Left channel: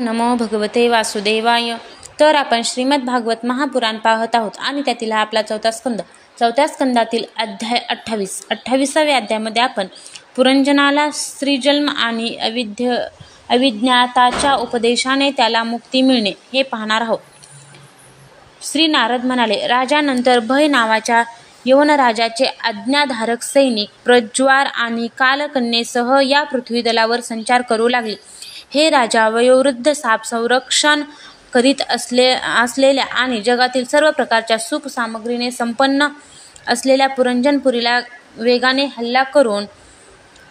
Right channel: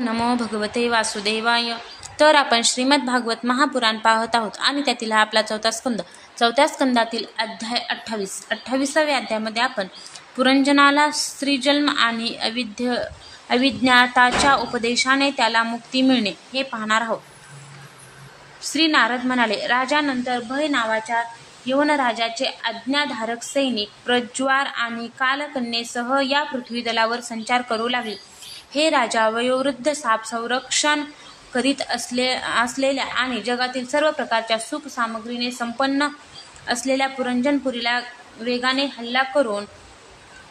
नमो भगवते वासुदेवाय. तर आपण श्रीमद भागवत महापुराण पाहत आहोत आणि त्यातील हा आपला चौथा स्कंद. चौथ्या स्कंदातील अध्याय 28व्या अध्यायामध्ये आपण पुरंजनाला स्त्रीजन्म आणि अविज्ञाताच्या उपदेशाने त्याला मुक्ती मिळणे हे पाहणार आहोत. श्री नारद म्हणाले, राजानंतर भय नावाच्या यवनराजाचे आज्ञाधारक सैनिक प्रज्वार आणि कालकन्येसह या पृथ्वीतलावर संचार करू लागले. हे राजा, वयोवृद्ध साप संरक्षण करीत असलेल्या आणि जगातील सर्व प्रकारच्या सुख सामग्रीने संपन्न असलेल्या पुरंजनपुरीला वेगाने हल्ला करून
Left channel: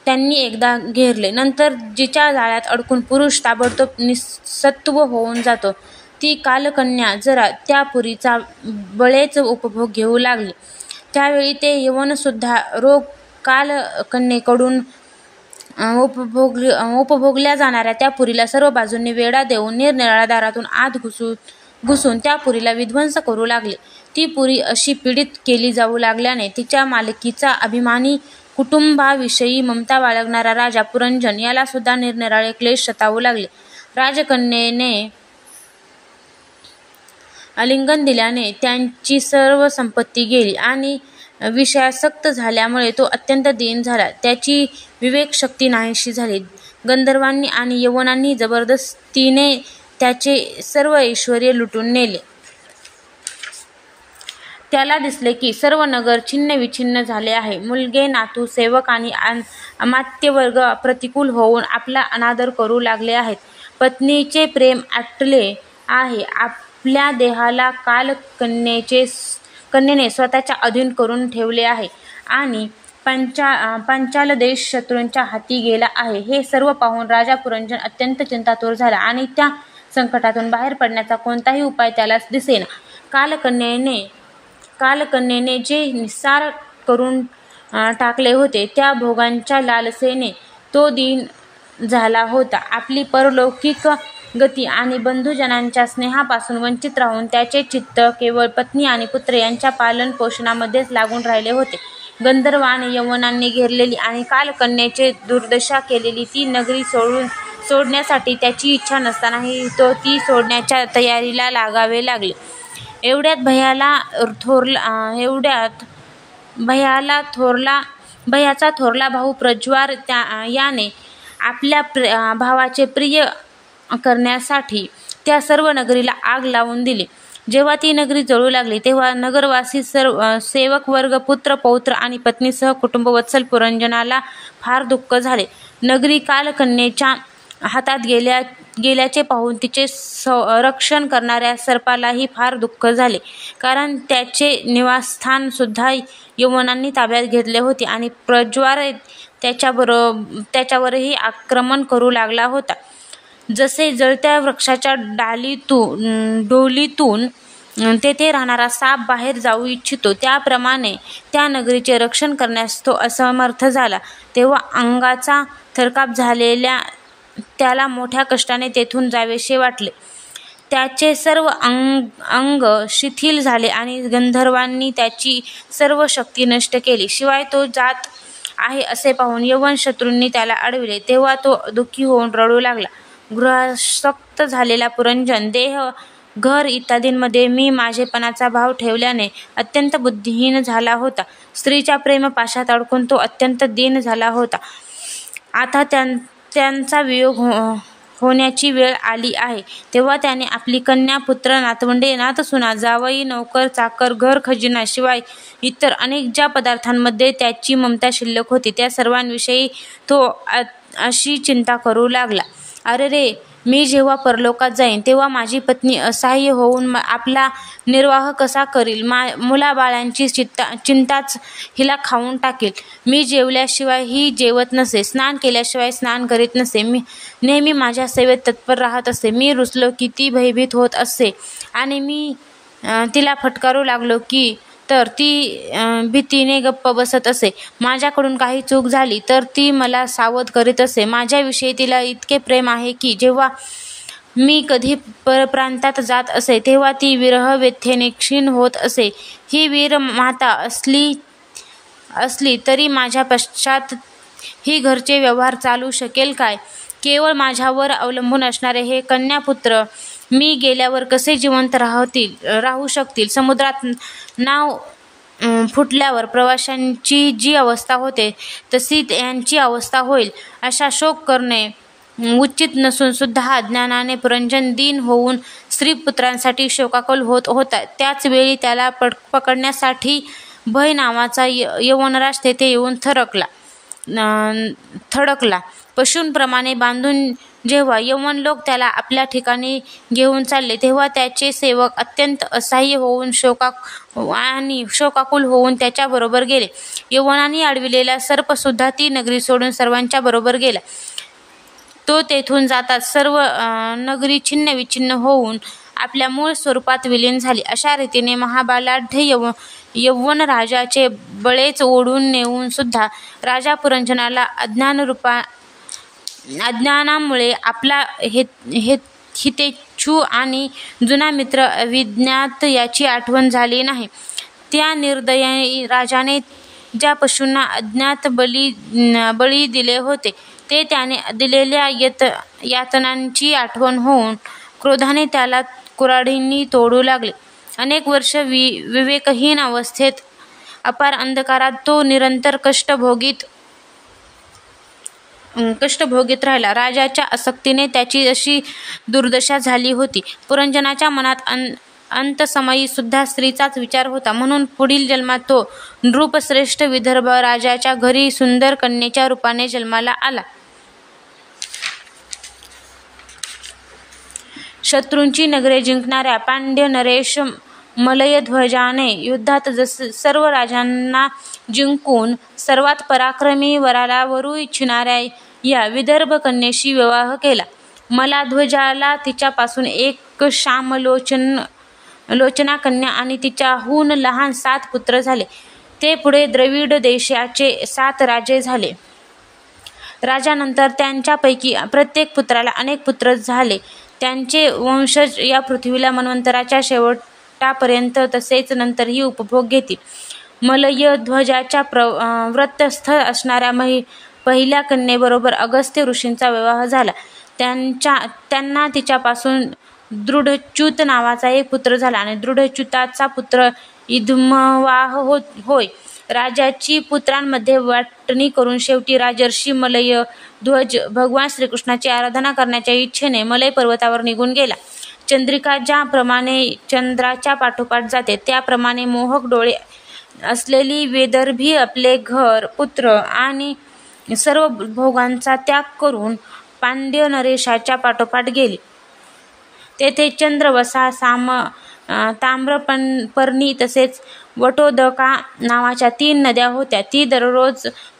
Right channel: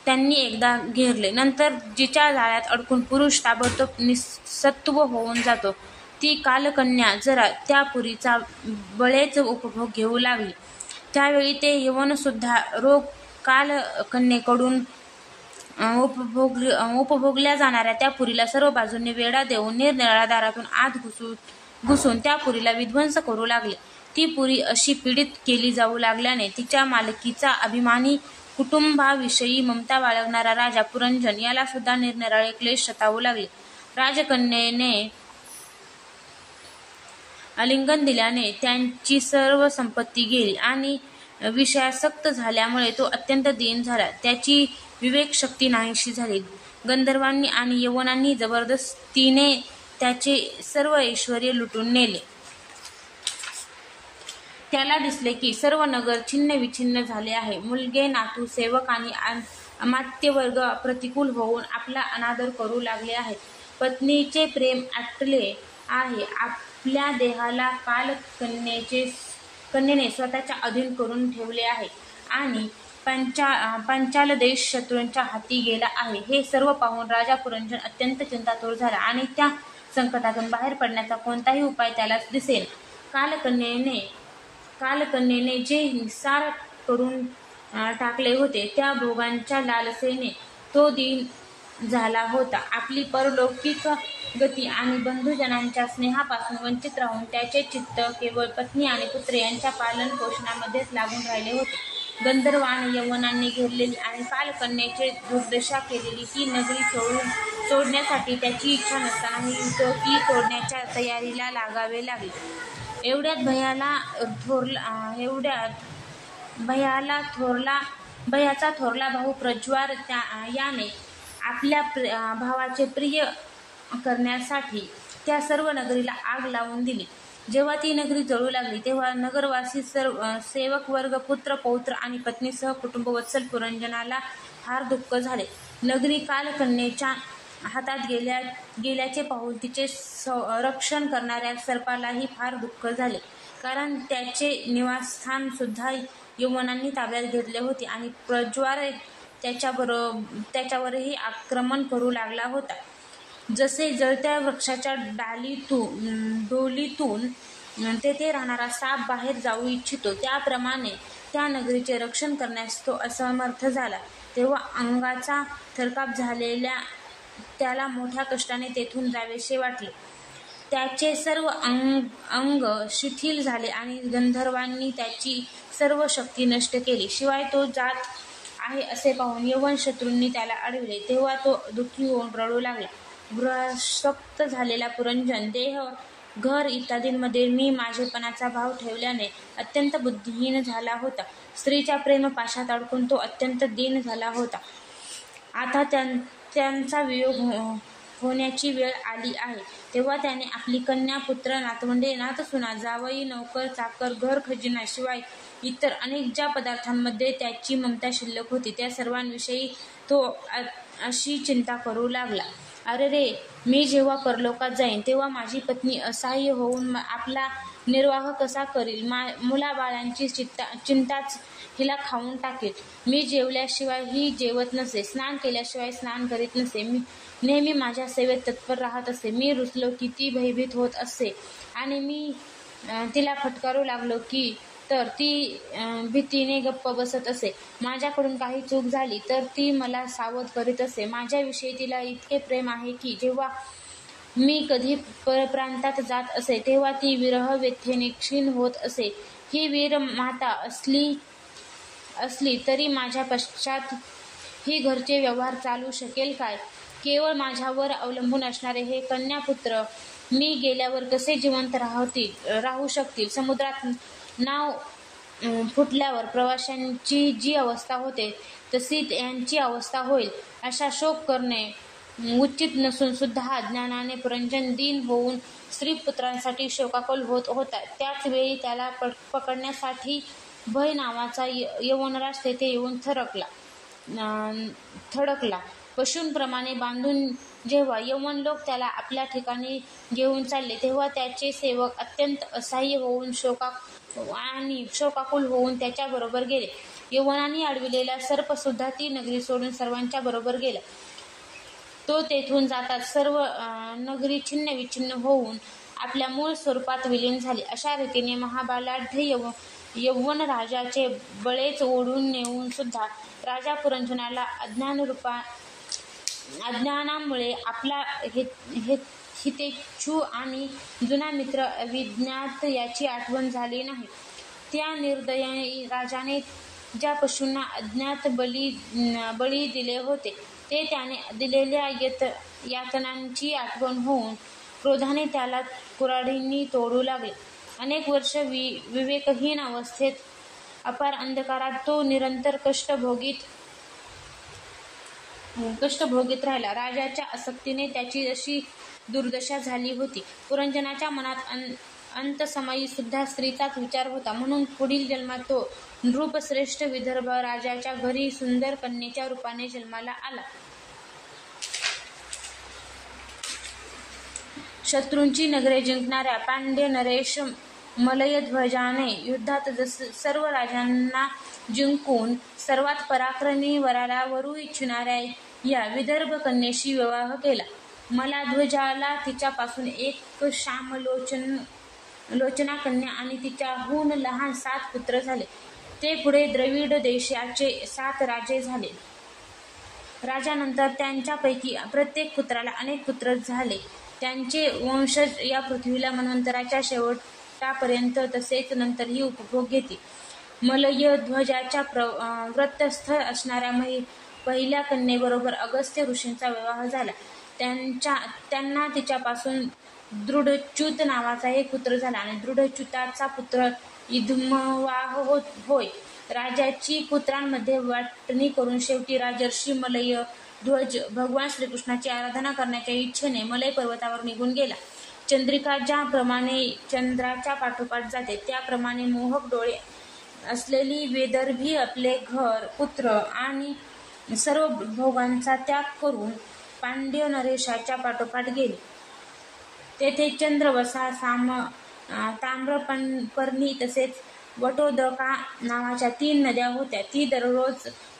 त्यांनी एकदा घेरले. नंतर जिच्या जाळ्यात अडकून पुरुष ताबडतोब निसत्व होऊन जातो, ती कालकन्या जरा त्या पुरीचा बळेच उपभोग घेऊ लागली. त्यावेळी ते यवनसुद्धा रोग कालकन्येकडून उपभोगल्या जाणाऱ्या त्या पुरीला सर्व बाजूंनी वेढा देऊन निरनिराळ्या दारातून आत घुसून त्या पुरीला विध्वंस करू लागले. ती पुरी अशी पीडित केली जाऊ लागल्याने तिच्या मालकीचा अभिमानी कुटुंबाविषयी ममता बाळगणारा राजा पुरंजन याला सुद्धा निरनिराळे क्लेश सतावू लागले. राजकन्येने आलिंगन दिल्याने त्यांची सर्व संपत्ती गेली आणि विषयासक्त झाल्यामुळे तो अत्यंत दीन झाला. त्याची विवेकशक्ती नाहीशी झाली. गंधर्वांनी आणि यवनांनी जबरदस्तीने त्याचे सर्व ऐश्वर्य लुटून नेले. त्याला दिसले की सर्व नगर छिन्न विछिन्न झाले आहे. मुलगे, नातू, सेवक आणि अमात्यवर्ग प्रतिकूल होऊन आपला अनादर करू लागले आहेत. पत्नीचे प्रेम आटले आहे. आपल्या देहाला कालकन्येने स्वतःच्या अधीन करून ठेवले आहे आणि पांचाल देश शत्रूंच्या हाती गेला आहे. हे सर्व पाहून राजा पुरंजन अत्यंत चिंतातुर झाला आणि त्या संकटातून बाहेर पडण्याचा कोणताही उपाय त्याला दिसेना. कालकन्येने जे निस्सार करून टाकले होते त्या भोगांच्या लालसेने तो दीन झाला होता. आपली परलौकिक गती आणि बंधुजनांच्या स्नेहापासून वंचित राहून त्याचे चित्त केवळ पत्नी आणि पुत्र यांच्या पालन पोषणामध्येच लागून राहिले होते. गंधर्व आणि यवनांनी घेरलेली आणि कालकन्येची दुर्दशा केलेली ती नगरी सोडण्यासाठी त्याची इच्छा नसतानाही तो ती सोडण्याच्या तयारीला लागावे लागले. एवढ्यात भयाचा थोरला भाऊ प्रज्वार याने आपल्या भावाचे प्रिय करण्यासाठी त्या सर्व नगरीला आग लावून दिली. जेव्हा ती नगरी जळू लागली तेव्हा नगरवासी सेवक वर्ग, पुत्र, पौत्र आणि पत्नीसह कुटुंबवत्सल पुरंजनाला फार दुःख झाले. नगरी कालकन्येच्या हातात गेल्याचे पाहून तिचे रक्षण करणाऱ्या सर्पालाही फार दुःख झाले, कारण त्याचे निवासस्थान सुद्धा यवनांनी ताब्यात घेतले होते आणि प्रज्वार त्याच्यावरही आक्रमण करू लागला होता. जसे जळत्या वृक्षाच्या डोलीतून तेथे राहणारा साप बाहेर जाऊ इच्छितो, त्याप्रमाणे त्या नगरीचे रक्षण करण्यास तो असमर्थ झाला. तेव्हा अंगाचा थरकाप झालेल्या त्याला मोठ्या कष्टाने तेथून जावेसे वाटले. त्याचे सर्व अंग शिथिल झाले आणि गंधर्वांनी त्याची सर्व शक्ती नष्ट केली. शिवाय तो जात आहे असे पाहून यवन शत्रूंनी त्याला अडविले. तेव्हा तो दुःखी होऊन रडू लागला. गृहासक्त झालेला पुरंजन देह, घर इत्यादींमध्ये मी माझेपणाचा भाव ठेवल्याने अत्यंत बुद्धिहीन झाला होता. स्त्रीच्या प्रेमपाशात अडकून तो अत्यंत दीन झाला होता. आता त्यांचा वियोग होण्याची वेळ आली आहे. तेव्हा त्याने आपली कन्या, पुत्र, नातवंडे, नातसुना, जावई, नौकर, चाकर, घर खजिना शिवाय इतर अनेक ज्या पदार्थांमध्ये त्याची ममता शिल्लक होती त्या सर्वांविषयी तो अशी चिंता करू लागला. अरे रे, मी जेव्हा परलोकात जाईन तेव्हा माझी पत्नी असहाय्य होऊन आपला निर्वाह कसा करील? मुलाबाळांची चिंताच हिला खाऊन टाकेल. मी जेवल्याशिवाय ही जेवत नसे, स्नान केल्याशिवाय स्नान करीत नसे, मी नेहमी माझ्या सेवेत तत्पर राहत असे. मी रुसलो की ती भयभीत होत असे आणि मी तिला फटकारू लागलो की तर ती भीतीने गप्प बसत असे. माझ्याकडून काही चूक झाली तर ती मला सावध करीत असे. माझ्याविषयी तिला इतके प्रेम आहे की जेव्हा मी कधी परप्रांतात जात असे तेव्हा ती विरह व्यथेने क्षीण होत असे. ही वीर माता असली तरी माझ्या पश्चात ही घरचे व्यवहार चालू शकेल काय? केवळ माझ्यावर अवलंबून असणारे हे कन्यापुत्र मी गेल्यावर कसे जिवंत राहू शकतील? समुद्रात नाव फुटल्यावर प्रवाशांची जी अवस्था होते तशी यांची अवस्था होईल. अशा शोक करणे उचित नसून सुद्धा अज्ञानाने पुरंजन दीन होऊन स्त्रीपुत्रांसाठी शोकाकुल होत होता. त्याच वेळी त्याला पकडण्यासाठी भय नावाचा यवनराज तेथे येऊन थडकला. पशूंप्रमाणे बांधून जेव्हा यवन लोक त्याला आपल्या ठिकाणी घेऊन चालले तेव्हा त्याचे सेवक अत्यंत असह्य होऊन शोकाकुल होऊन त्याच्याबरोबर गेले. यवनाने अडविलेला सर्पसुद्धा ती नगरी सोडून सर्वांच्या बरोबर गेला. तो तेथून जाताच सर्व नगरी छिन्नविच्छिन्न होऊन आपल्या मूळ स्वरूपात विलीन झाली. अशा रीतीने महाबलाढ्य यवन राजाचे बळेच ओढून नेऊन सुद्धा राजा पुरंजनाला अज्ञानामुळे आपला हितेच्छू आणि जुना मित्र अविज्ञात याची आठवण झाली नाही. त्या निर्दयी राजाने ज्या पशूंना अज्ञात बळी दिले होते ते त्याने दिलेल्या यातनांची आठवण होऊन क्रोधाने त्याला कुऱ्हाडींनी तोडू लागले. अनेक वर्ष विवेकहीन अवस्थेत अपार अंधकारात तो निरंतर कष्ट भोगीत राहिला. राजाच्या आसक्तीने त्याची अशी दुर्दशा झाली होती. पुरंजनाच्या मनात अंतसमयी सुद्धा स्त्रीचाच विचार होता. म्हणून पुढील जन्मात तो नृपश्रेष्ठ विदर्भ राजाच्या घरी सुंदर कन्येच्या रूपाने जन्माला आला. शत्रूंची नगरे जिंकणाऱ्या पांड्य नरेश मलयध्वजाने युद्धात सर्व राजांना जिंकून सर्वात पराक्रमी वराला वरू इच्छिणाऱ्या या विदर्भ कन्येशी विवाह केला. मलाध्वजाला तिच्यापासून एक श्यामलोचना कन्या आणि तिच्याहून लहान 7 पुत्र झाले. ते पुढे द्रविड देशाचे 7 राजे झाले. राजानंतर त्यांच्यापैकी प्रत्येक पुत्राला अनेक पुत्र झाले. त्यांचे वंशज या पृथ्वीला मन्वंतराच्या शेवटापर्यंत तसेच नंतरही उपभोग घेतील. मलयध्वजाच्या व्रतस्थ असणाऱ्या पहिल्या कन्येबरोबर अगस्त्य ऋषींचा विवाह झाला. त्यांना तिच्यापासून दृढच्युत नावाचा एक पुत्र झाला आणि दृढच्युताचा पुत्र इदमवाह होय. राजाची पुत्रांमध्ये वाटणी करून शेवटी राजर्षी मलयध्वज भगवान श्रीकृष्णाची आराधना करण्याच्या इच्छेने मलय पर्वतावर निघून गेला. चंद्रिका ज्याप्रमाणे चंद्राच्या पाठोपाठ जाते त्याप्रमाणे मोहक डोळे असलेली वेदर्भी आपले घर, पुत्र आणि सर्व भोगांचा त्याग करून पांड्य नरेशाच्या पाठोपाठ गेली. तेथे चंद्रवसा, ताम्रपर्णी तसेच वटोदका नावाच्या 3 नद्या होत्या.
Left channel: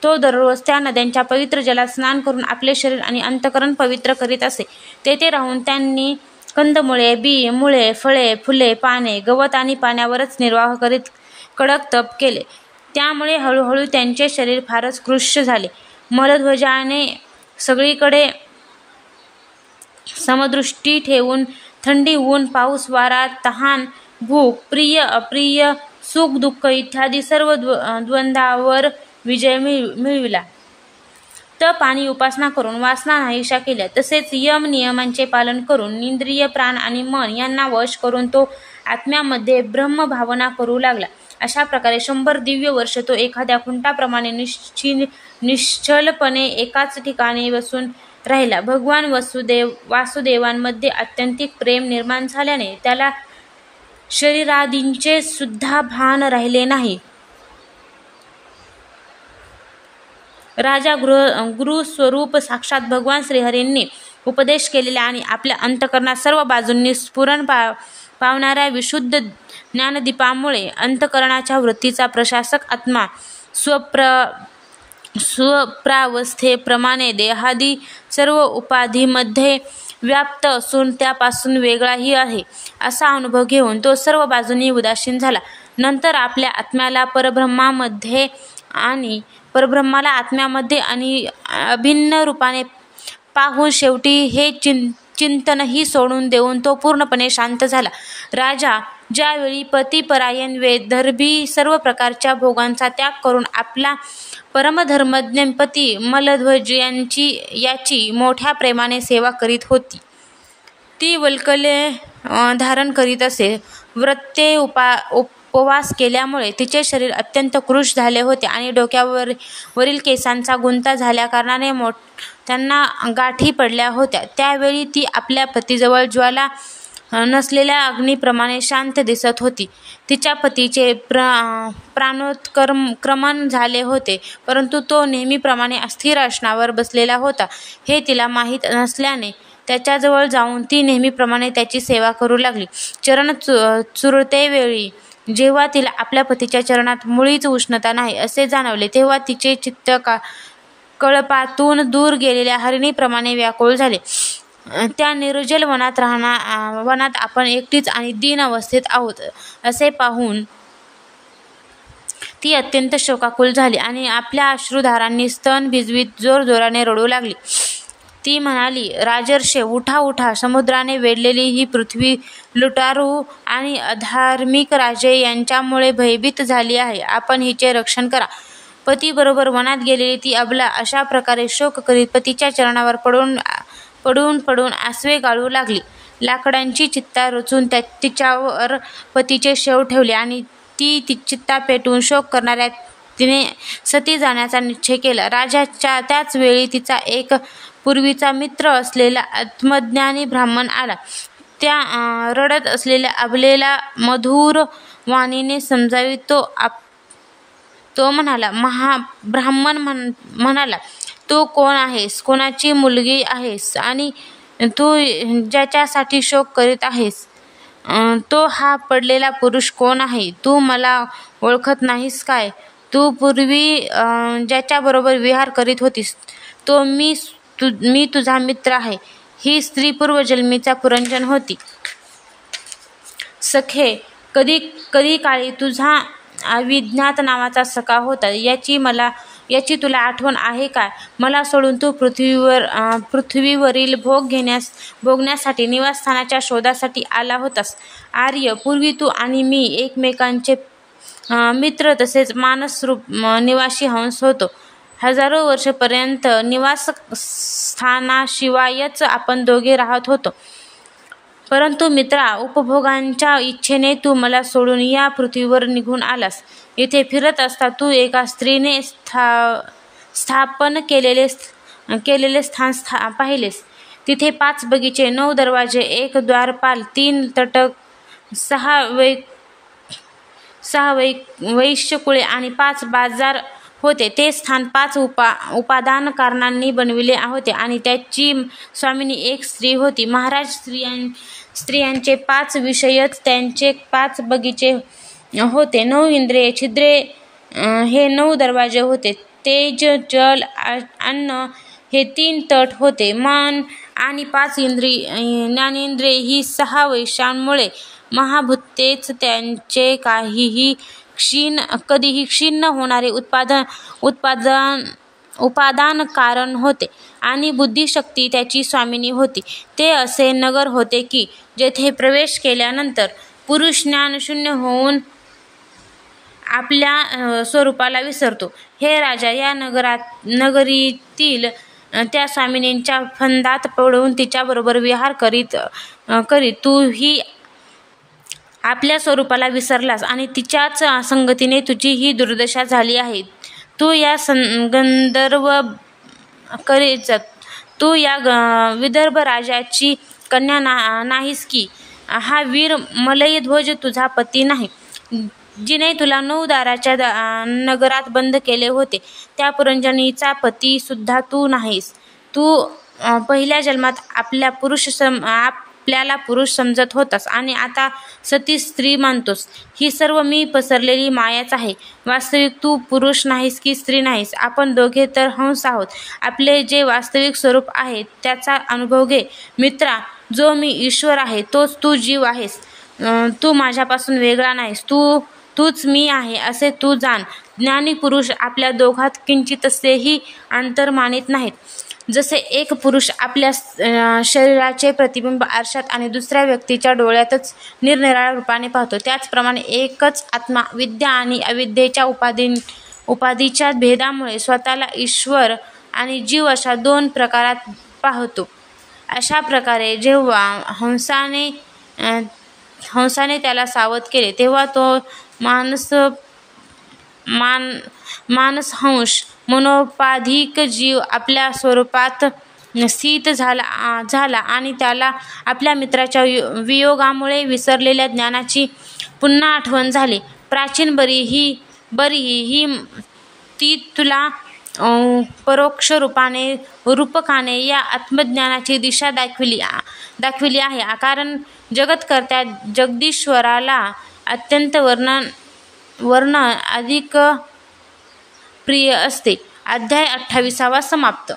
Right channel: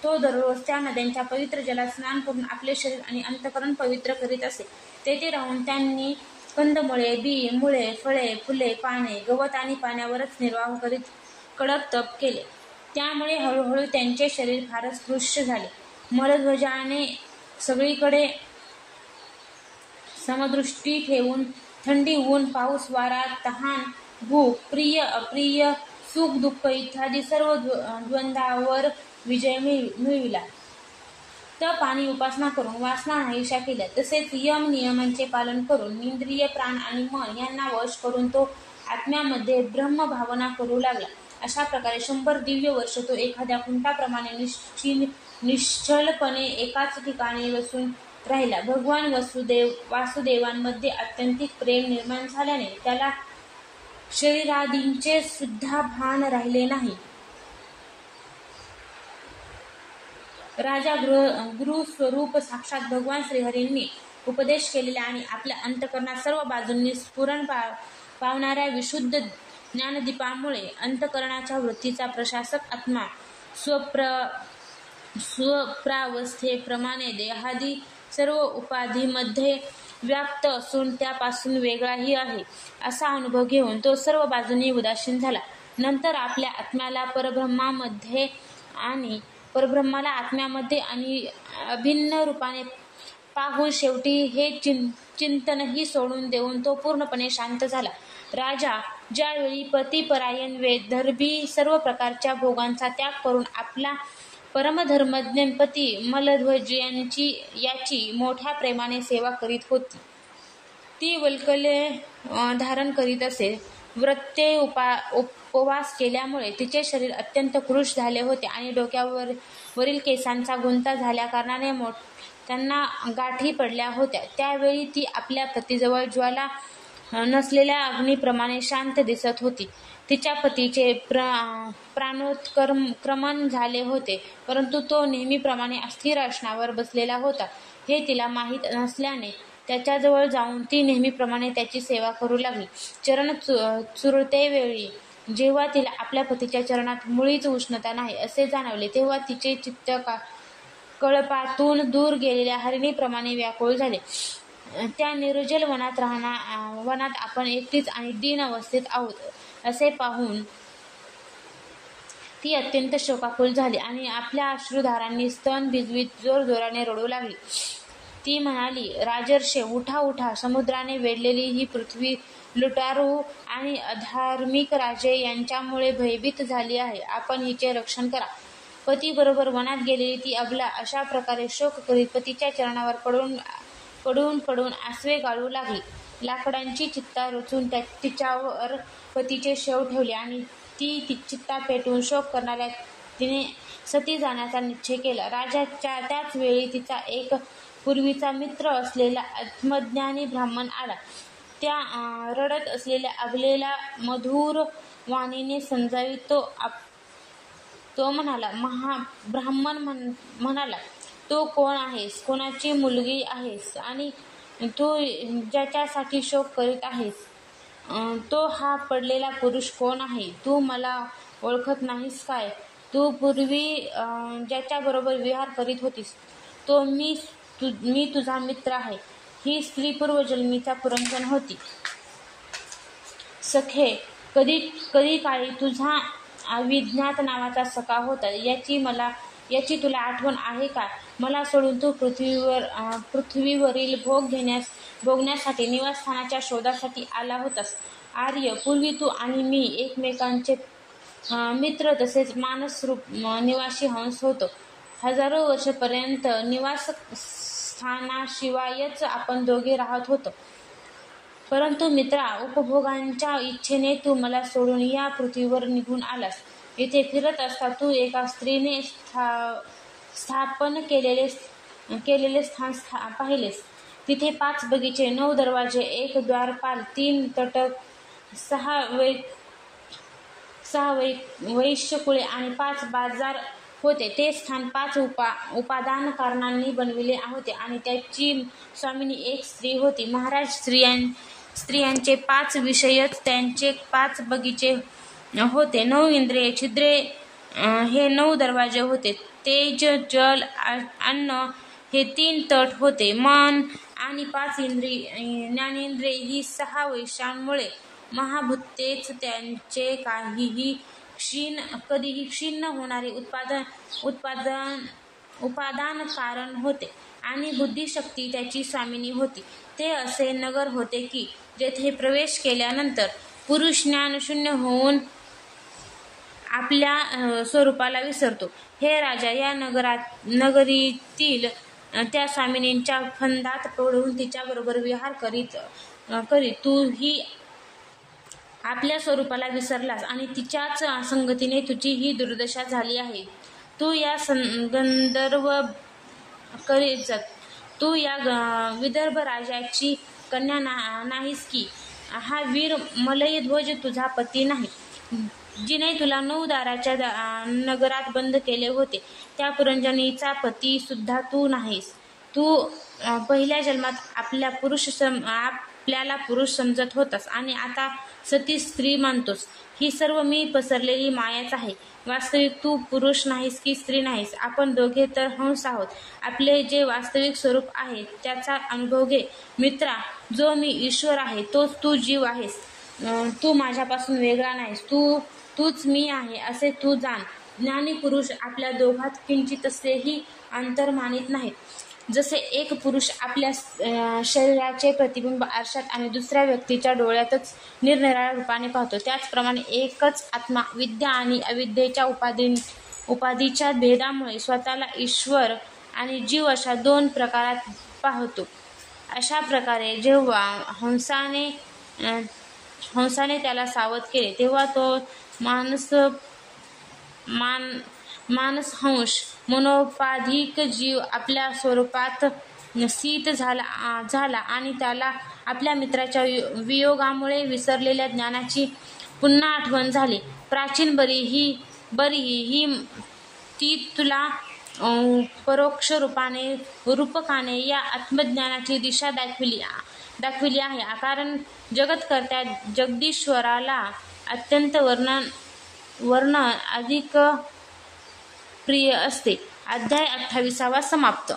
तो दररोज त्या नद्यांच्या पवित्र जलात स्नान करून आपले शरीर आणि अंतःकरण पवित्र करीत असे. तेथे राहून त्यांनी कंदमुळे, बी, मुळे, फळे, फुले, पाने, गवत आणि पाण्यावरच निर्वाह करीत कडक तप केले. त्यामुळे हळूहळू त्यांचे शरीर फारच कृश झाले. मलध्वजाने सगळीकडे समदृष्टी ठेवून थंडी, ऊन, पाऊस, वारा, तहान, भूक, प्रिय अप्रिय, सुख दुःख इत्यादी सर्व द्वंद्वावर विजय मिळविला. तप आणि उपासना करून वासना नाहीशा केल्या. तसेच यम नियमांचे पालन करून इंद्रिय, प्राण आणि मन यांना वश करून तो आत्म्यामध्ये ब्रह्मभावना करू लागला. अशा प्रकारे 100 दिव्य वर्ष तो एखाद्या खुंटाप्रमाणे निश्चलपणे एकाच ठिकाणी बसून राहिला. भगवान वासुदेवांमध्ये अत्यंतिक प्रेम निर्माण झाल्याने त्याला शरीरादींचे सुद्धा भान राहिले नाही. राजा गुरुस्वरूप साक्षात भगवान श्रीहरींनी उपदेश केलेल्या आणि आपल्या अंतःकरणात सर्व बाजूंनी स्फुरण पावणाऱ्या विशुद्ध ज्ञानदीपामुळे अंतःकरणाच्या वृत्तीचा प्रशासक आत्मा स्वप्रावस्थेप्रमाणे देहादी सर्व उपाधीमध्ये व्याप्त असून त्यापासून वेगळाही आहे असा अनुभव घेऊन तो सर्व बाजूंनी उदासीन झाला. नंतर आपल्या आत्म्याला परब्रह्माला आत्म्यामध्ये आणि अभिन्न रूपाने पाहून शेवटी हे चिंतनही सोडून देऊन तो पूर्णपणे शांत झाला. राजा ज्यावेळी पतिपरायण वेदर्भी सर्व प्रकारच्या भोगांचा त्याग करून आपला परमधर्मज्ञ पती मलध्वज याची मोठ्या प्रेमाने सेवा करीत होती. ती वल्कले धारण करीत असे. व्रते उपवास केल्यामुळे तिचे शरीर अत्यंत कृश झाले होते आणि डोक्यावरील केसांचा गुंता झाल्याकारणाने त्यांना गाठी पडल्या होत्या. त्यावेळी ती आपल्या पतीजवळ ज्वाला नसलेल्या अग्नीप्रमाणे शांत दिसत होती. तिच्या पतीचे प्राणोत्क्रमण झाले होते, परंतु तो नेहमीप्रमाणे अस्थिर आसनावर बसलेला होता हे तिला माहीत नसल्याने त्याच्याजवळ जाऊन ती नेहमीप्रमाणे त्याची सेवा करू लागली. चरण चुरतेवेळी जेव्हा तिला आपल्या पतीच्या चरणात मुळीच उष्णता नाही असे जाणवले, तेव्हा तिचे चित्त कळपातून दूर गेलेल्या हरिणीप्रमाणे व्याकुळ झाले. त्या निर्जल वनात आपण एकटीच आणि दीन अवस्थेत आहोत असे पाहून ती अत्यंत शोकाकुल झाली आणि आपल्या अश्रुधारांनी स्तन भिजवीत जोरजोराने रडू लागली. ती म्हणाली, राजर्षे, उठा उठा. समुद्राने वेढलेली ही पृथ्वी लुटारू आणि अधार्मिक राजे यांच्यामुळे भयभीत झाली आहे. आपण हिचे रक्षण करा. पतीबरोबर वनात गेलेली ती अबला अशा प्रकारे शोक करीत पतीच्या चरणावर पडून आसवे गाळू लागली. लाकडांची चित्ता रचून तिच्यावर पतीचे शव ठेवले आणि ती चित्ता पेटवून शोक करणाऱ्या तिने सती जाण्याचा निश्चय केला. राजाच्या त्याच वेळी तिचा एक पूर्वीचा मित्र असलेला आत्मज्ञानी ब्राह्मण आला. त्या रडत असलेल्या अबलेला मधुर वाणीने समजावीत तो म्हणाला, ब्राह्मण म्हणाला, तू कोण आहेस, कोणाची मुलगी आहेस आणि तू ज्याच्यासाठी शोक करीत आहेस तो हा पडलेला पुरुष कोण आहे? तू मला ओळखत नाहीस काय? तू पूर्वी ज्याच्याबरोबर विहार करीत होतीस तो मी तुझा मित्र आहे. ही स्त्री पूर्वजन्मीचा पुरंजन होती. सखे, कधी काळी तुझा अविज्ञात नावाचा सखा होता. याची तुला आठवण आहे काय? मला सोडून तू पृथ्वीवरील भोगण्यासाठी निवासस्थानाच्या शोधासाठी आला होतास. आर्य, पूर्वी तू आणि मी एकमेकांचे मित्र तसेच मानसरूप निवासी हंस होतो. हजारो वर्षपर्यंत निवासस्थानाशिवायच आपण दोघे राहत होतो. परंतु मित्रा, उपभोगांच्या इच्छेने तू मला सोडून या पृथ्वीवर निघून आलास. येथे फिरत असता तू एका स्त्रीने स्थापन केलेले स्थान पाहिलेस. तिथे 5 बगीचे, 9 दरवाजे, 1 द्वारपाल, 3 तटक, 6 वैश्यकुळे आणि 5 बाजार होते. ते स्थान 5 उपादानकारणांनी बनविले होते आणि त्याची स्वामिनी एक स्त्री होती. महाराज, स्त्रियांचे 5 विषयच त्यांचे 5 बगीचे होते. 9 इंद्रिये, छिद्रे हे 9 दरवाजे होते. तेज, जल, अन्न हे 3 तट होते. मन आणि 5 ज्ञानेंद्रिये ही 6 वैशांमुळे महाभूतेच त्यांचे कधीही क्षीण होणारे उपादान कारण होते आणि बुद्धिशक्ती त्याची स्वामिनी होती. ते असे नगर होते की जेथे प्रवेश केल्यानंतर पुरुष ज्ञानशून्य होऊन आपल्या स्वरूपाला विसरतो. हे राजा, या नगरीतील त्या स्वामिनींच्या फंदात पडून तिच्याबरोबर विहार करीत तूही आपल्या स्वरूपाला विसरलास आणि तिच्याच संगतीने तुझी ही दुर्दशा झाली आहे. तू या तू या विदर्भ राजाची कन्या नाहीस की? हा वीर मलयध्वज तुझा पती नाही? जिने तुला 9 दाराच्या नगरात बंद केले होते त्या पुरंजनीचा पती सुद्धा तू नाहीस. तू पहिल्या जन्मात आपल्याला पुरुष समजत होतास आणि आता सती स्त्री मानतोस. ही सर्व मी पसरलेली मायाच आहे. वास्तविक तू पुरुष नाहीस की स्त्री नाहीस. आपण दोघे तर हंस आहोत. आपले जे वास्तविक स्वरूप आहे त्याचा अनुभव घे. मित्रा, जो मी ईश्वर आहे तोच तू जीव आहेस. तू माझ्यापासून वेगळा नाहीस. तूच मी आहे असे तू जाण. ज्ञानी पुरुष आपल्या दोघात किंचितसेही अंतर मानित नाहीत. जसे एक पुरुष आपल्या शरीराचे प्रतिबिंब आरशात आणि दुसऱ्या व्यक्तीच्या डोळ्यातच निरनिराळ्या रूपाने पाहतो, त्याचप्रमाणे एकच आत्मा विद्या आणि अविद्येच्या उपाधीच्या भेदामुळे स्वतःला ईश्वर आणि जीव अशा दोन प्रकारात पाहतो. अशा प्रकारे जेव्हा हंसाने त्याला सावध केले, तेव्हा तो मानसहंस मनोपाधिक जीव आपल्या स्वरूपात स्थित झाला आणि त्याला आपल्या मित्राच्या वियोगामुळे विसरलेल्या ज्ञानाची पुन्हा आठवण झाली. प्राचीन बरीही ती तुला परोक्ष रूपकाने या आत्मज्ञानाची दिशा दाखविली आहे, कारण जगतकर्त्या जगदीश्वराला अत्यंत वर्ण अधिक प्रिय असते. अध्याय 28 समाप्त.